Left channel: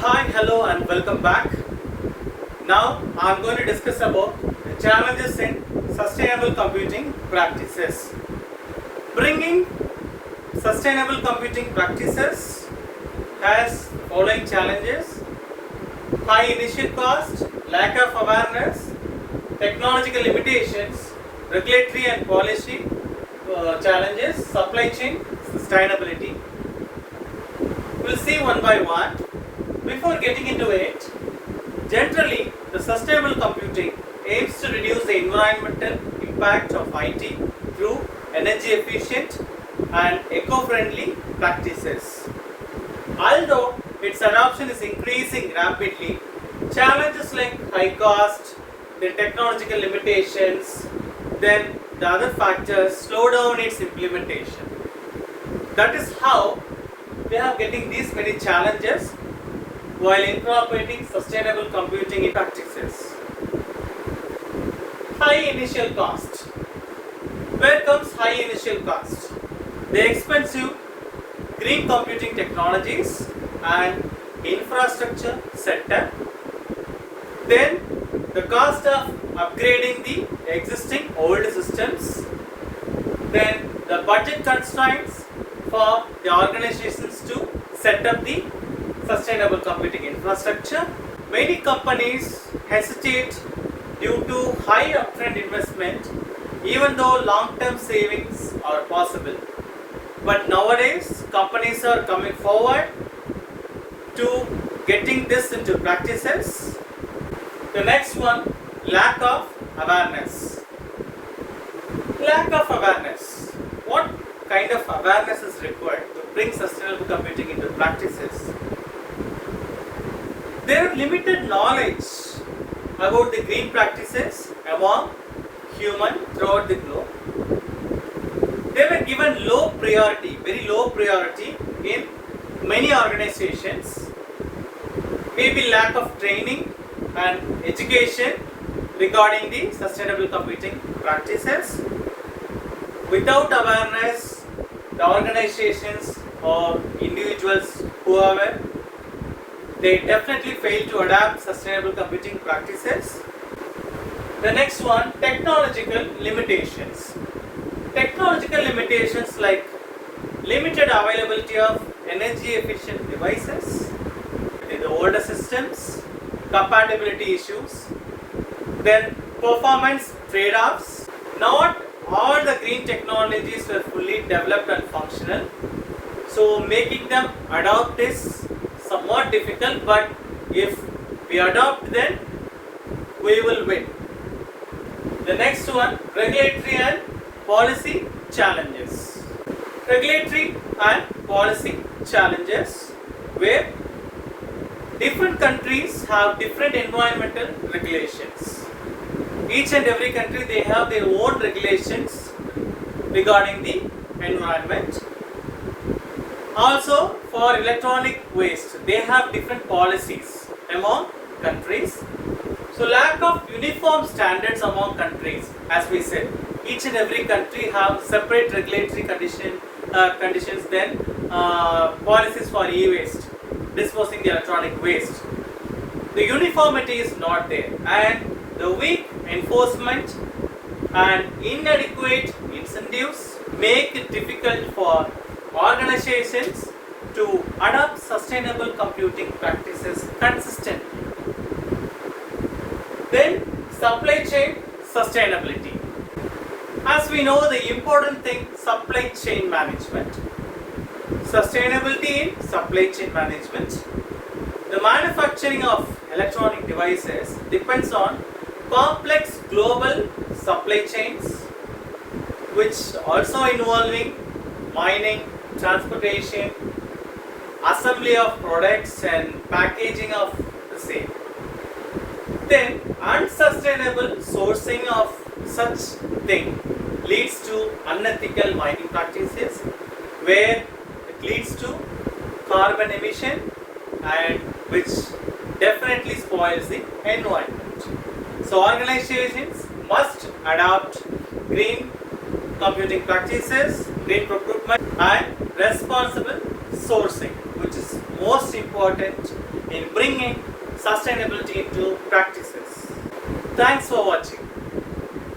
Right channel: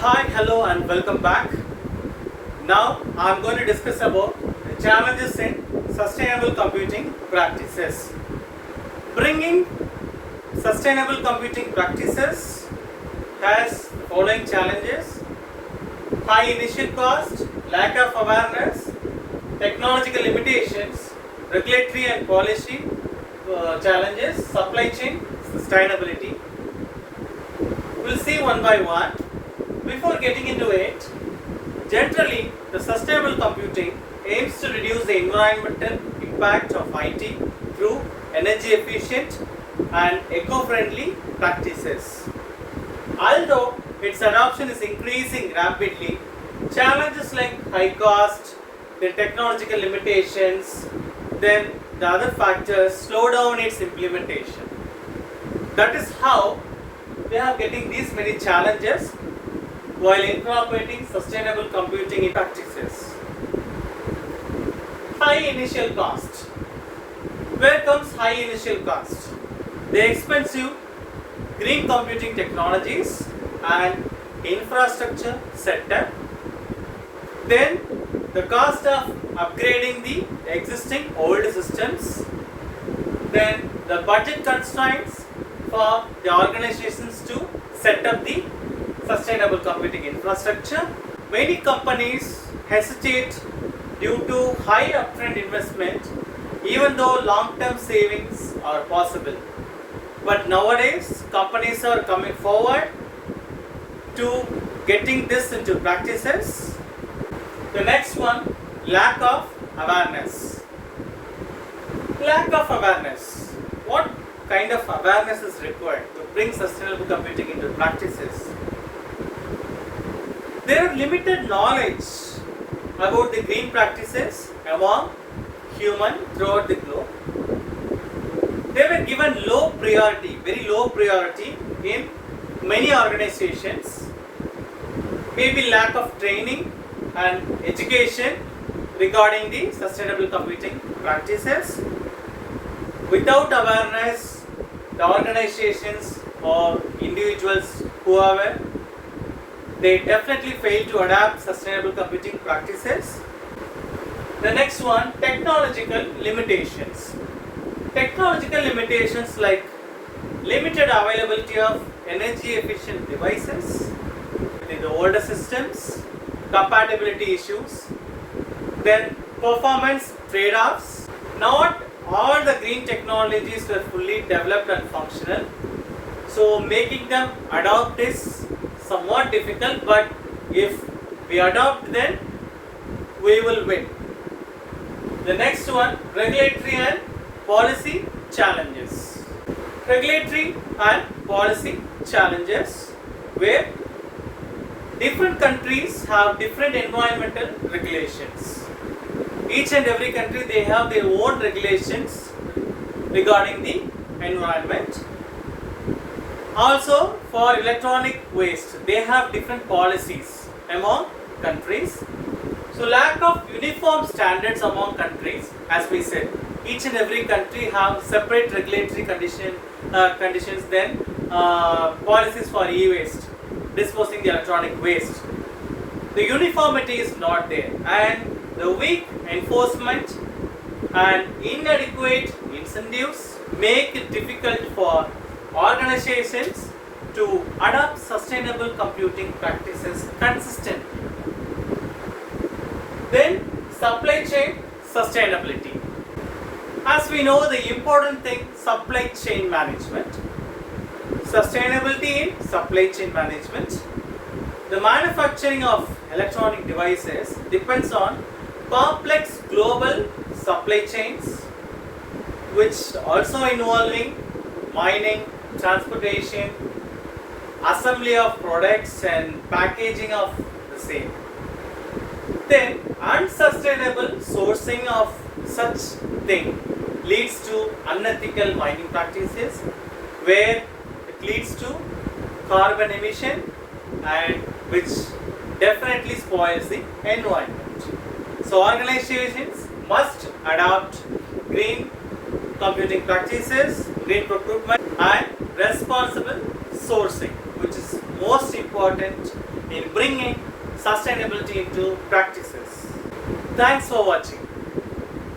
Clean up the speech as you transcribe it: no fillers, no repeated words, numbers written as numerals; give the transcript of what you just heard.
Hi, hello and welcome back. Now I am going to discuss about the challenges in sustainable computing practices. Bringing sustainable computing practices has following challenges: high initial cost, lack of awareness, technological limitations, regulatory and policy challenges, supply chain sustainability. We'll see one by one. Before getting into it, generally the sustainable computing aims to reduce the environmental impact of IT through energy efficient and eco-friendly practices. Although its adoption is increasing rapidly, challenges like high cost, the technological limitations, then the other factors slow down its implementation. That is how we are getting these many challenges while incorporating sustainable computing practices. High initial cost. Where comes high initial cost? The expensive green computing technologies and infrastructure setup. Then the cost of upgrading the existing old systems. Then the budget constraints for the organizations to set up the sustainable computing infrastructure. Many companies hesitate due to high upfront investment, even though long-term savings are possible. But nowadays, companies are coming forward to getting this into practices. The next one, lack of awareness. Lack of awareness. What kind of awareness is required to bring sustainable computing into practices? There is limited knowledge about the green practices among humans throughout the globe. They were given low priority, very low priority in many organizations. Maybe lack of training and education regarding the sustainable computing practices. Without awareness, the organizations or individuals, whoever, they definitely fail to adapt sustainable computing practices. The next one, technological limitations. Technological limitations like limited availability of energy efficient devices, the older systems, compatibility issues, then performance trade-offs. Not all the green technologies were fully developed and functional, so making them adopt is somewhat difficult, but if we adopt, then we will win. The next one, regulatory and policy challenges. Regulatory and policy challenges, where different countries have different environmental regulations. Each and every country, they have their own regulations regarding the environment. Also, for electronic waste, they have different policies among countries. So, lack of uniform standards among countries, as we said. Each and every country have separate regulatory conditions, then policies for e-waste, disposing the electronic waste. The uniformity is not there, and the weak enforcement and inadequate incentives make it difficult for organizations to adopt sustainable computing practices consistently. Then, supply chain sustainability. As we know, the important thing, supply chain management. Sustainability in supply chain management. The manufacturing of electronic devices depends on complex global supply chains, which also involving mining, transportation, assembly of products and packaging of the same. Then unsustainable sourcing of such thing leads to unethical mining practices, where it leads to carbon emission and which definitely spoils the environment. So organizations must adopt green computing practices, green procurement and responsible sourcing, which is most important in bringing sustainability into practices. Thanks for watching.